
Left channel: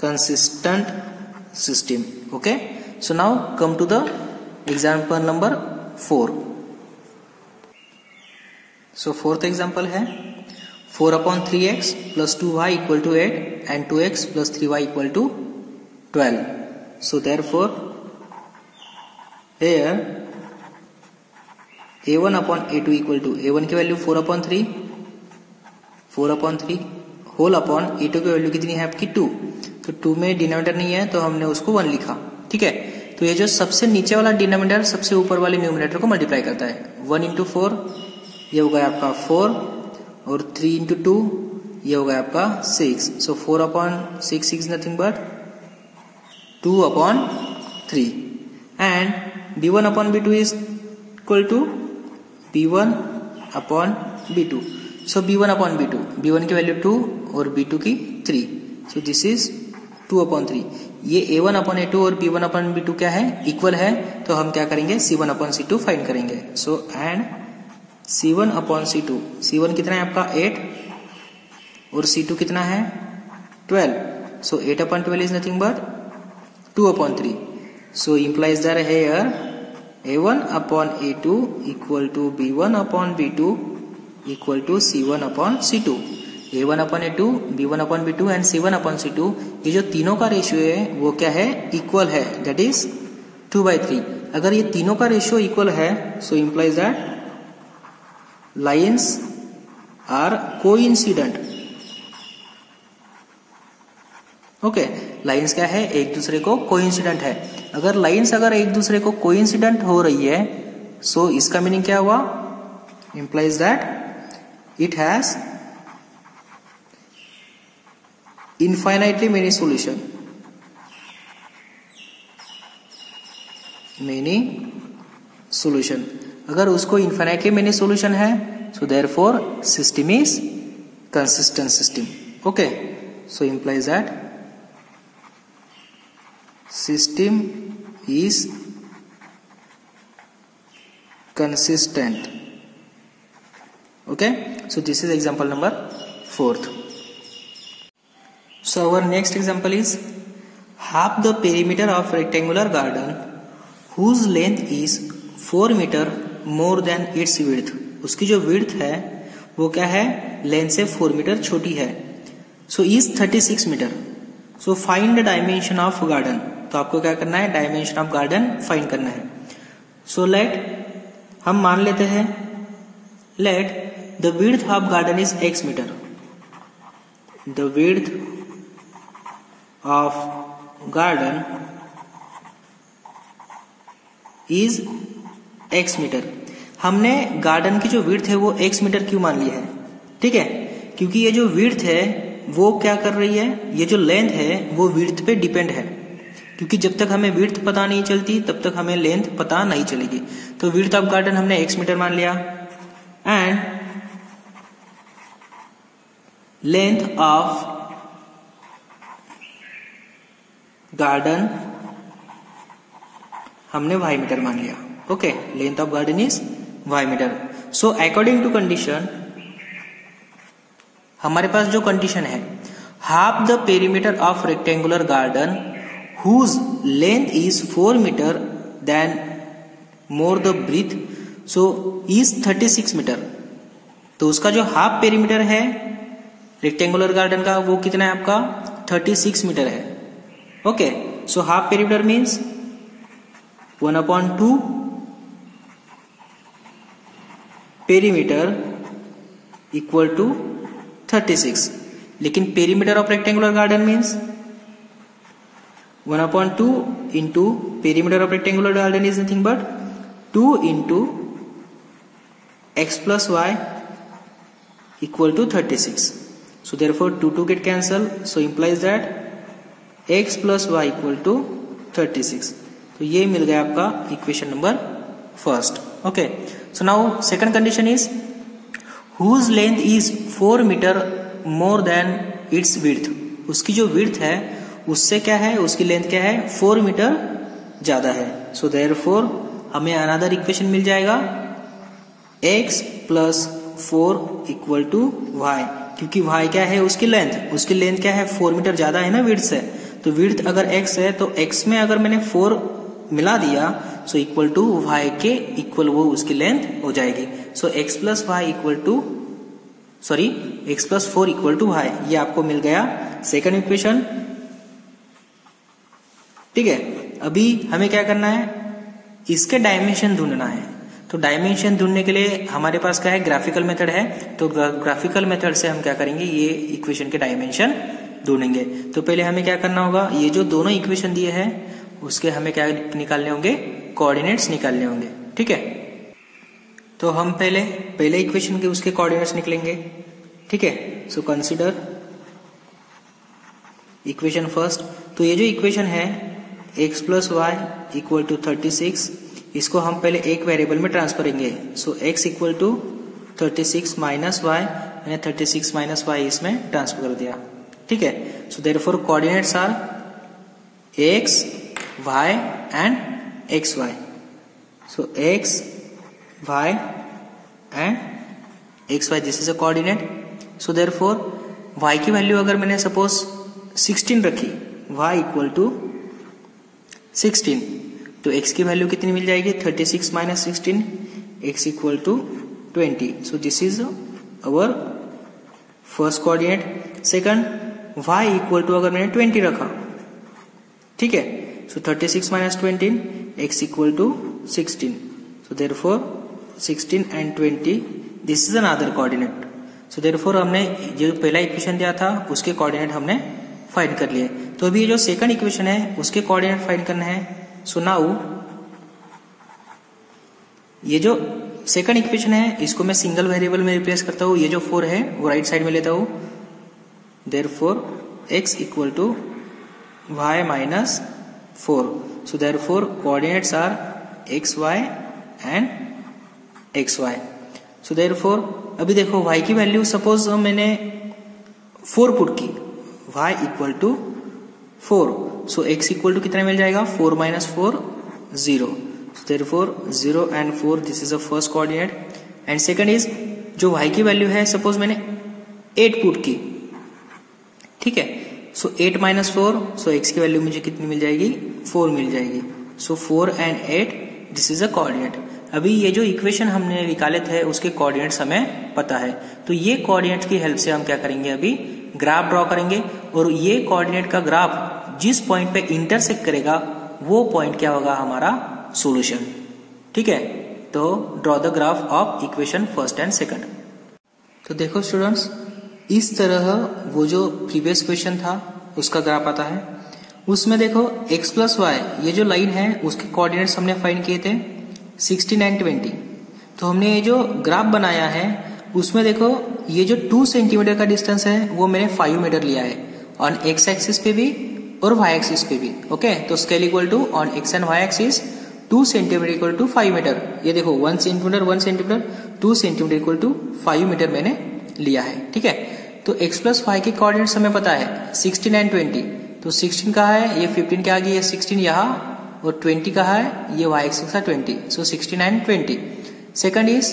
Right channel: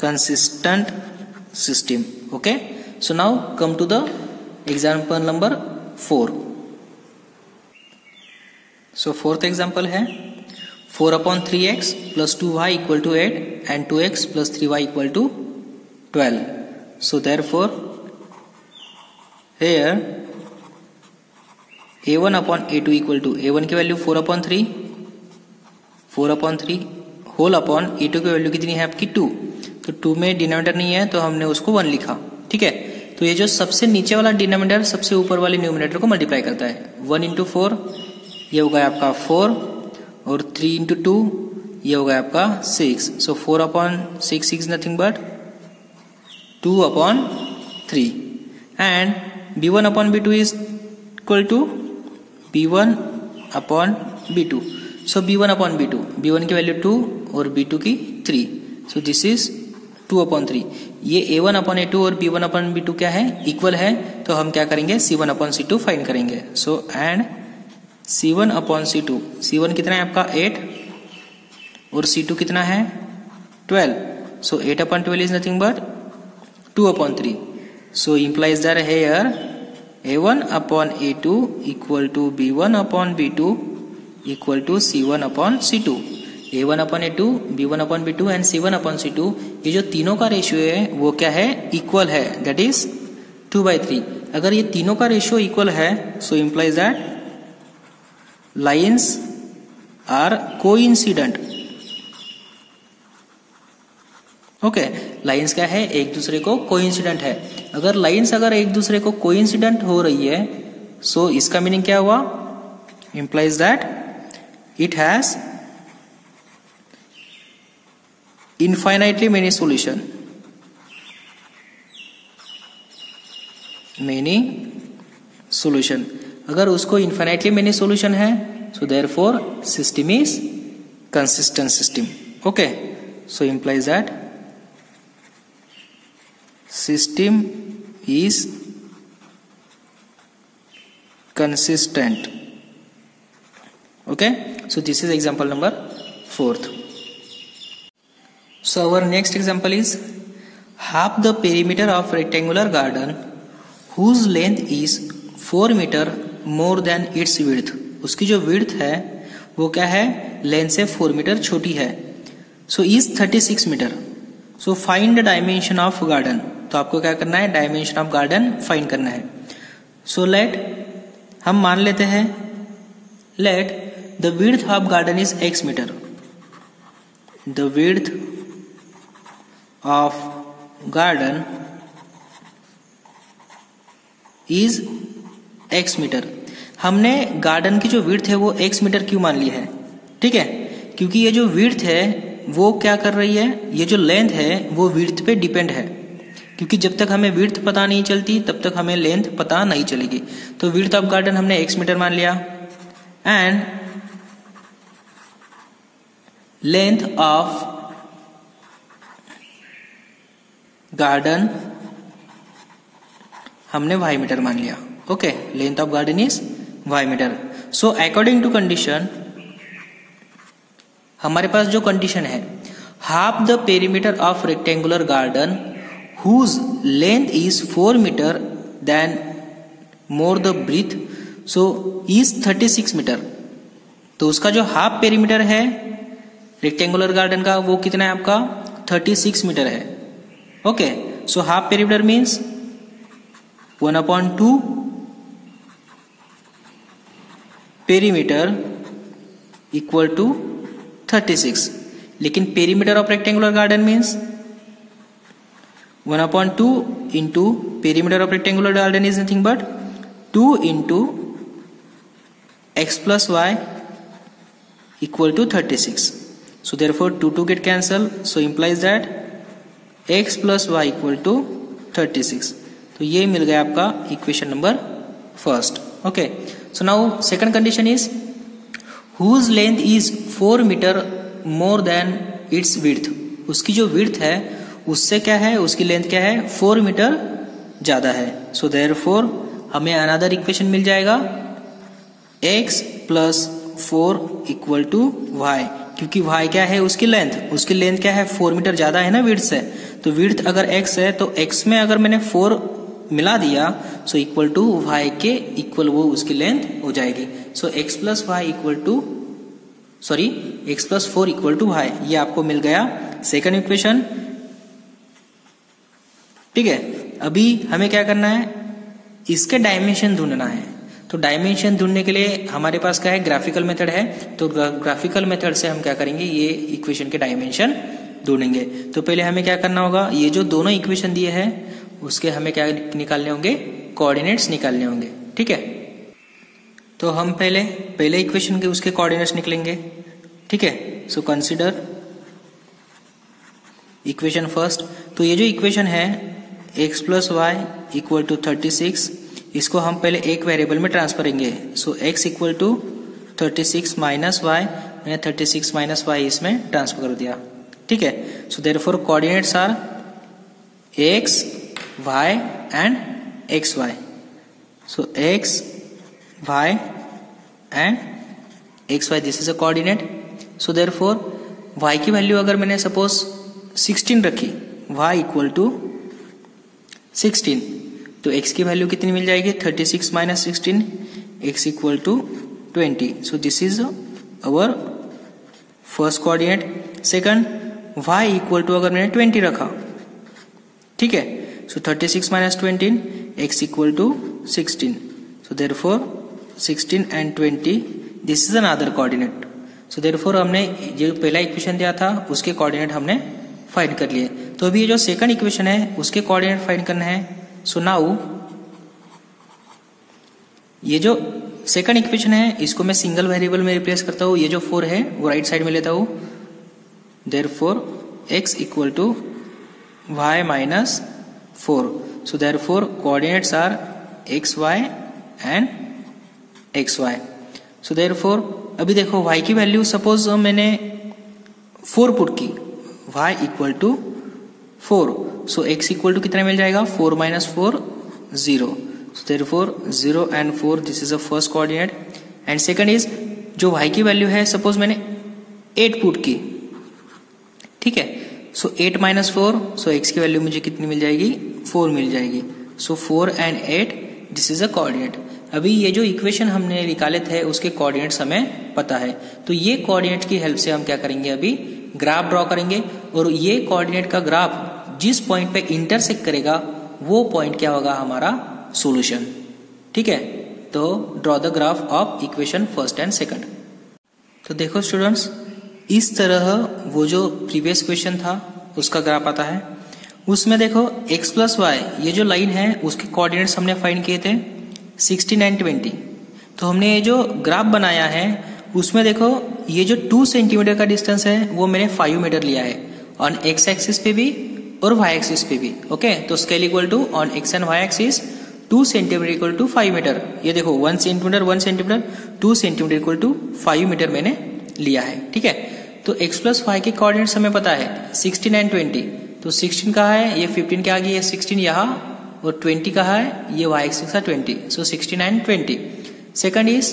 consistent system. Okay, so now come to the example number 4. So fourth example है 4/3x plus 2y equal to 8 and 2x plus 3y equal to 12. So therefore here a1 upon a2 equal to a1 की value 4/3 whole upon a2 की value कितनी है आपकी 2. तो 2 में denominator नहीं है तो हमने उसको 1 लिखा. ठीक है, तो ये जो सबसे नीचे वाला डिनोमिनेटर सबसे ऊपर वाले न्यूमिनेटर को मल्टीप्लाई करता है। 1 इंटू 4 ये होगा आपका 4 और 3 इंटू 2 ये होगा आपका 6। So 4/6 is nothing but 2/3 and b1/b2 is equal to b1/b2। So b1/b2, b1 की वैल्यू 2 और b2 की 3। So this is 2/3। ये a1/a2 और b1/b2 क्या है, इक्वल है, तो हम क्या करेंगे c1/c2 फाइंड करेंगे। सो एंड c1/c2, c1 कितना है आपका 8 और c2 कितना है 12। सो 8/12 is nothing but 2/3। So implies that here a1/a2 equal to b1/b2 equal to c1/c2। a1/a2, b1/b2 and c1/c2 ये जो तीनों का रेशियो है वो क्या है, इक्वल है, दैट इज 2/3। अगर ये तीनों का रेशियो इक्वल है सो implies that lines are coincident। Okay, lines क्या है, एक दूसरे को कोइंसिडेंट है। अगर लाइंस अगर एक दूसरे को कोइंसिडेंट हो रही है सो इसका मीनिंग क्या हुआ, implies that it has infinitely many solution, अगर उसको infinitely many solution है so therefore system is consistent system। okay, so implies that system is consistent। okay, so this is example number 4th। so our next example is half the perimeter of rectangular garden whose length is 4 meter more than its width। उसकी जो width है वो क्या है, length से 4 metre छोटी है। so is 36 metre. so find the dimension of garden। तो आपको क्या करना है, डायमेंशन ऑफ गार्डन फाइंड करना है। सो लेट हम मान लेते हैं, let the width of garden is x metre. The width of garden is x metre. हमने गार्डन की जो विड्थ है वो x मीटर क्यों मान ली है, ठीक है, क्योंकि ये जो विड्थ है वो क्या कर रही है, ये जो लेंथ है वो विड्थ पे डिपेंड है, क्योंकि जब तक हमें विड्थ पता नहीं चलती तब तक हमें लेंथ पता नहीं चलेगी। तो विड्थ ऑफ गार्डन हमने x मीटर मान लिया एंड लेंथ ऑफ गार्डन हमने y मीटर मान लिया। Okay, length of garden is y metre. So according to condition, हमारे पास जो कंडीशन है, half the perimeter of rectangular garden whose length is 4 meter than more the breadth so is 36 metre. तो उसका जो half perimeter है rectangular garden का वो कितना है आपका 36 मीटर है। Okay, so half perimeter means 1/2 perimeter equal to 36। लेकिन perimeter of rectangular garden means 1/2 into perimeter of rectangular garden is nothing but 2 into x plus y equal to 36। so therefore 2 get cancelled, so implies that x plus y equal to 36। तो ये मिल गया आपका equation number first. Okay, so now second condition is whose length is 4 metre more than its width। उसकी जो width है उससे क्या है, उसकी लेंथ क्या है 4 मीटर ज्यादा है। सो देयरफॉर हमें अनदर इक्वेशन मिल जाएगा x plus 4 equal to y, क्योंकि y क्या है उसकी लेंथ क्या है 4 मीटर ज्यादा है ना विड्थ से। तो विड्थ अगर x है तो x में अगर मैंने 4 मिला दिया सो इक्वल टू y के इक्वल वो उसकी लेंथ हो जाएगी। So x plus 4 equal to y, ये आपको मिल गया सेकंड इक्वेशन। ठीक है, अभी हमें क्या करना है, इसके डायमेंशन ढूंढना है। तो डायमेंशन ढूंढने के लिए हमारे पास क्या है, ग्राफिकल मेथड है। तो ग्राफिकल मेथड से हम क्या करेंगे, ये इक्वेशन के डायमेंशन ढूंढेंगे। तो पहले हमें क्या करना होगा, ये जो दोनों इक्वेशन दिए हैं उसके हमें क्या निकालने होंगे, कोऑर्डिनेट्स निकालने होंगे। ठीक है, तो हम पहले इक्वेशन के उसके कोऑर्डिनेट्स निकलेंगे। ठीक है, सो कंसीडर इक्वेशन फर्स्ट। तो ये जो इक्वेशन है x plus y equal to 36, इसको हम पहले एक वेरिएबल में ट्रांसफर करेंगे। So x equal to 36 minus y, मैंने 36 माइनस वाई इसमें ट्रांसफर कर दिया। ठीक है, so therefore coordinates are x, y and xy। So x, y and xy, this is a coordinate. So therefore y की value अगर मैंने सपोज 16 रखी, y इक्वल टू 16, तो x की वैल्यू कितनी मिल जाएगी, 36 minus 16, x equal to 20। So this is our first coordinate. Second, y equal to अगर मैंने 20 रखा, ठीक है, so 36 minus 20, x equal to 16। So therefore 16 and 20, this is another coordinate. So therefore हमने जो पहला इक्वेशन दिया था उसके कोऑर्डिनेट हमने फाइंड कर लिए। तो अभी ये जो सेकंड इक्वेशन है उसके कोऑर्डिनेट फाइंड करना है। सो नाउ ये जो सेकंड इक्वेशन है इसको मैं सिंगल वेरिएबल में रिप्लेस करता हूं। ये जो 4 है वो राइट साइड में लेता हूं। Therefore x equal to y minus 4। So therefore coordinates are xy and xy। So therefore अभी देखो y की वैल्यू सपोज मैंने 4 पुट की, y equal to 4। So x equal to कितना मिल जाएगा, 4 minus 4, 0। So therefore 0 and 4, this is the first coordinate. And second is जो y की वैल्यू है सपोज मैंने 8 पुट की, ठीक है, सो 8 माइनस 4, सो x की वैल्यू मुझे कितनी मिल जाएगी, 4 मिल जाएगी। So 4 and 8, this is a coordinate. अभी ये जो इक्वेशन हमने निकाले थे उसके कोऑर्डिनेट्स हमें पता है, तो ये कोऑर्डिनेट की हेल्प से हम क्या करेंगे, अभी ग्राफ ड्रॉ करेंगे। और ये कोऑर्डिनेट का ग्राफ जिस पॉइंट पे इंटरसेक्ट करेगा वो पॉइंट क्या होगा, हमारा सॉल्यूशन। ठीक है, तो draw the graph of equation first and second. तो देखो स्टूडेंट्स, इस तरह वो जो प्रीवियस क्वेश्चन था उसका ग्राफ आता है। उसमें देखो x प्लस वाई, ये जो लाइन है उसके कोऑर्डिनेट्स हमने फाइंड किए थे 16 एंड 20। तो हमने ये जो ग्राफ बनाया है उसमें देखो ये जो 2 सेंटीमीटर का डिस्टेंस है वो मैंने 5 मीटर लिया है, ऑन x एक्सिस पे भी और y एक्सिस पे भी। ओके, तो scale equal to on x and y axis 2 centimetre equal to 5 metre. ये देखो 1 centimetre 1 centimetre, 2 centimetre equal to 5 metre मैंने लिया है। ठीक है, तो x प्लस वाई के कोऑर्डिनेट्स हमें पता है 16 एंड 20। तो 16 कहाँ है, ये 15 के आगे, ये 16 यहाँ, और 20 कहाँ है, ये y एक्सिस है 20। सो 16 and 20। Second is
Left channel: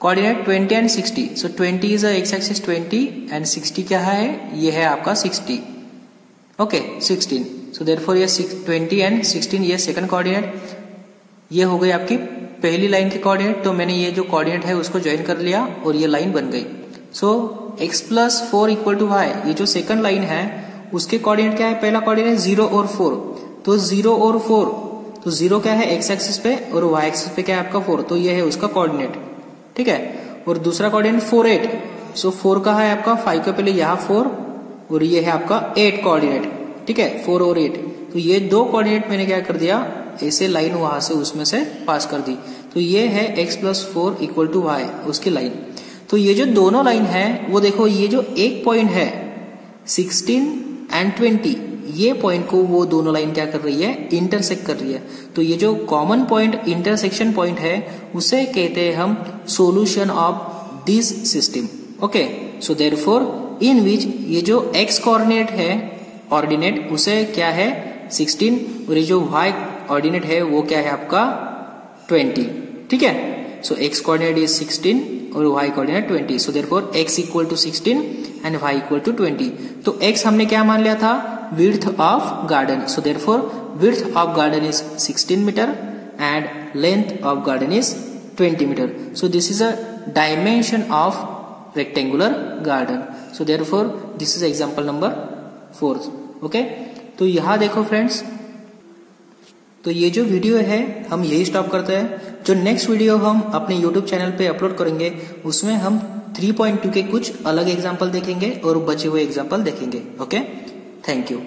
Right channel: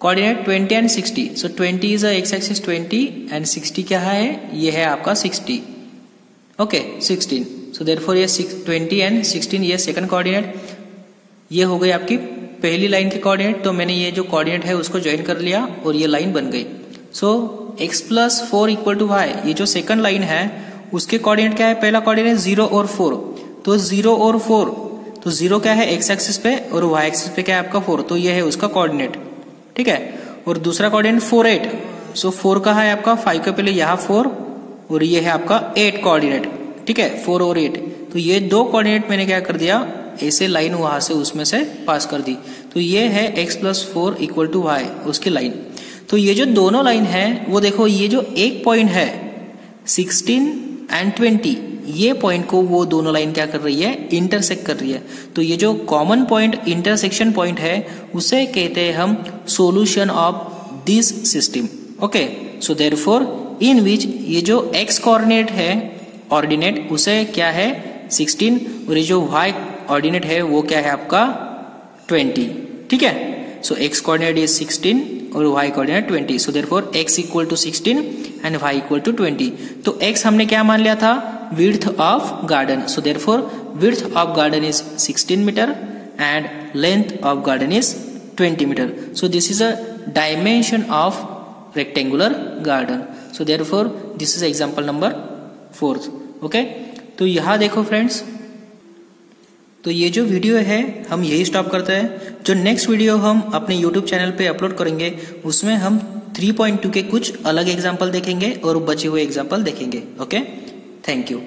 coordinate 20 and 60। So 20 is x axis 20 and 60 क्या है, ये है आपका 60। ओके, 16। सो देयरफॉर ये 20 एंड 16 ये सेकंड कोऑर्डिनेट। ये हो गई आपकी पहली लाइन की कोऑर्डिनेट। तो मैंने ये जो कोऑर्डिनेट है उसको ज्वाइन कर लिया और ये लाइन बन गई। So x plus 4 equal to y, ये जो सेकंड लाइन है उसके कोऑर्डिनेट क्या है, पहला कोऑर्डिनेट 0 और 4। तो 0 और 4, तो 0 क्या है x एक्सिस पे और y एक्सिस पे क्या है आपका 4, तो ये है उसका कोऑर्डिनेट। ठीक है, और दूसरा कोऑर्डिनेट 4 8। सो 4 का है आपका 5 के पहले यहाँ 4 और ये है आपका 8 कोऑर्डिनेट। ठीक है, 4 और 8। तो ये दो कोऑर्डिनेट मैंने क्या कर दिया, ऐसे लाइन वहां से उसमें से पास कर दी। तो ये है x plus 4 equal to y, उसकी लाइन। तो ये जो दोनों लाइन है वो देखो, ये जो एक पॉइंट है 16 एंड 20, ये पॉइंट को वो दोनों लाइन क्या कर रही है, इंटरसेक्ट कर रही है। तो ये जो कॉमन पॉइंट इंटरसेक्शन पॉइंट है उसे कहते हैं हम solution of this system. Okay, so therefore in which ये जो x कोऑर्डिनेट है ऑर्डिनेट उसे क्या है 16 और ये जो y ऑर्डिनेट है वो क्या है आपका 20। ठीक है, सो x कोऑर्डिनेट इज 16 और y coordinate 20। So therefore x equal to 16 and y equal to 20। तो x हमने क्या मान लिया था, width of garden. So therefore width of garden is 16 metre and length of garden is 20 metre. So this is a dimension of rectangular garden. So therefore this is example number 4। Okay, तो यहां देखो friends, तो ये जो video है हम यही stop करते हैं। जो नेक्स्ट वीडियो हम अपने YouTube चैनल पे अपलोड करेंगे उसमें हम 3.2 के कुछ अलग एग्जाम्पल देखेंगे और बचे हुए एग्जाम्पल देखेंगे। Okay, thank you.